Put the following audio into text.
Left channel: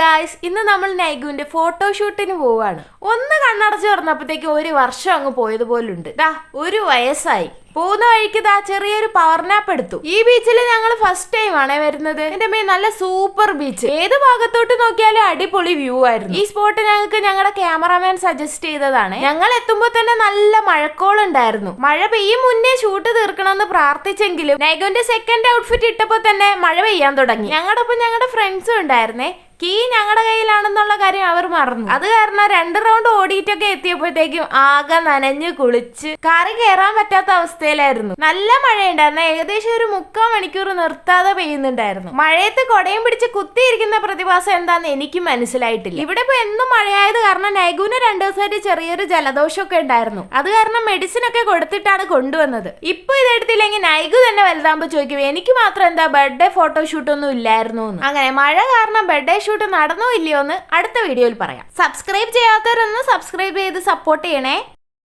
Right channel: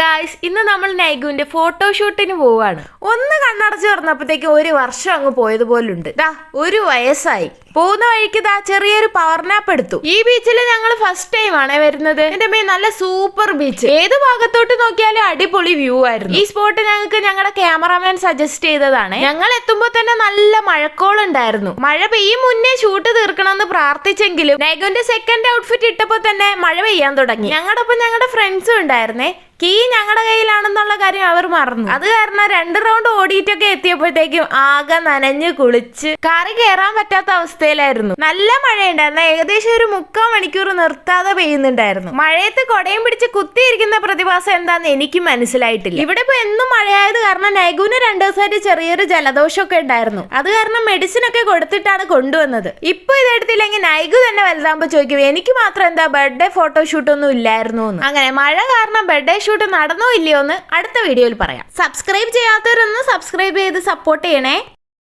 Guys, ഇന്ന് നമ്മൾ നൈഗുവിന്റെ ഫോട്ടോഷൂട്ടിന് പോവാണ്. ഒന്ന് കണ്ണടച്ച് തുറന്നപ്പോഴത്തേക്ക് ഒരു വർഷം അങ്ങ് പോയതുപോലുണ്ട്. ഒരു വയസ്സായി. പോകുന്ന വഴിക്ക് ചെറിയൊരു പവർ നാപ്പ് എടുത്തു. ഈ ബീച്ചിൽ ഞങ്ങൾ ഫസ്റ്റ് ടൈം ആണ് വരുന്നത്. എന്റെ മേൽ നല്ല സൂപ്പർ ബീച്ച്, ഏത് ഭാഗത്തോട്ട് നോക്കിയാലും അടിപൊളി വ്യൂ ആയിരുന്നു. ഈ സ്പോട്ട് ഞങ്ങൾക്ക് ഞങ്ങളുടെ ക്യാമറാമാൻ സജസ്റ്റ് ചെയ്തതാണ്. ഞങ്ങൾ എത്തുമ്പോൾ തന്നെ നല്ല മഴക്കോളുണ്ടായിരുന്നു. മഴ പെയ്യും മുന്നേ ഷൂട്ട് തീർക്കണമെന്ന് പ്രാർത്ഥിച്ചെങ്കിലും നൈഗുവിന്റെ സെക്കൻഡ് ഔട്ട്ഫിറ്റ് ഇട്ടപ്പോ തന്നെ മഴ പെയ്യാൻ തുടങ്ങി. ഞങ്ങളുടെ ഒപ്പം ഞങ്ങളുടെ ഫ്രണ്ട്സും ഉണ്ടായിരുന്നേ. കീ ഞങ്ങളുടെ കയ്യിലാണെന്നുള്ള കാര്യം അവർ മറന്നു. അത് കാരണം 2 റൗണ്ട് ഓടിയിട്ടൊക്കെ എത്തിയപ്പോഴത്തേക്കും ആകെ നനഞ്ഞ് കുളിച്ച് കാറി കയറാൻ പറ്റാത്ത അവസ്ഥയിലായിരുന്നു. നല്ല മഴയുണ്ടായിരുന്നു. ഏകദേശം ഒരു 3/4 മണിക്കൂർ നിർത്താതെ പെയ്യുന്നുണ്ടായിരുന്നു. മഴയത്ത് കൊടയും പിടിച്ച് കുത്തിയിരിക്കുന്ന പ്രതിഭാസം എന്താന്ന് എനിക്ക് മനസ്സിലായിട്ടില്ല. ഇവിടെ ഇപ്പൊ എന്നും മഴയായത് കാരണം നൈഗുവിന് 2 ദിവസമായിട്ട് ചെറിയൊരു ജലദോഷമൊക്കെ ഉണ്ടായിരുന്നു. അത് കാരണം മെഡിസിൻ ഒക്കെ കൊടുത്തിട്ടാണ് കൊണ്ടുവന്നത്. ഇപ്പൊ ഇതെടുത്തില്ലെങ്കിൽ നൈഗു തന്നെ വലുതാകുമ്പോ ചോദിക്കും എനിക്ക് മാത്രം എന്താ ബർത്ത്ഡേ ഫോട്ടോഷൂട്ട് ഒന്നും ഇല്ലായിരുന്നു എന്ന്. അങ്ങനെ മഴ കാരണം ബർത്ത്ഡേ ഷൂട്ട് നടന്നോ ഇല്ലയോ എന്ന് അടുത്ത വീഡിയോയിൽ പറയാം. സബ്സ്ക്രൈബ് ചെയ്യാത്തവരൊന്ന് സബ്സ്ക്രൈബ് ചെയ്ത് സപ്പോർട്ട് ചെയ്യണേ.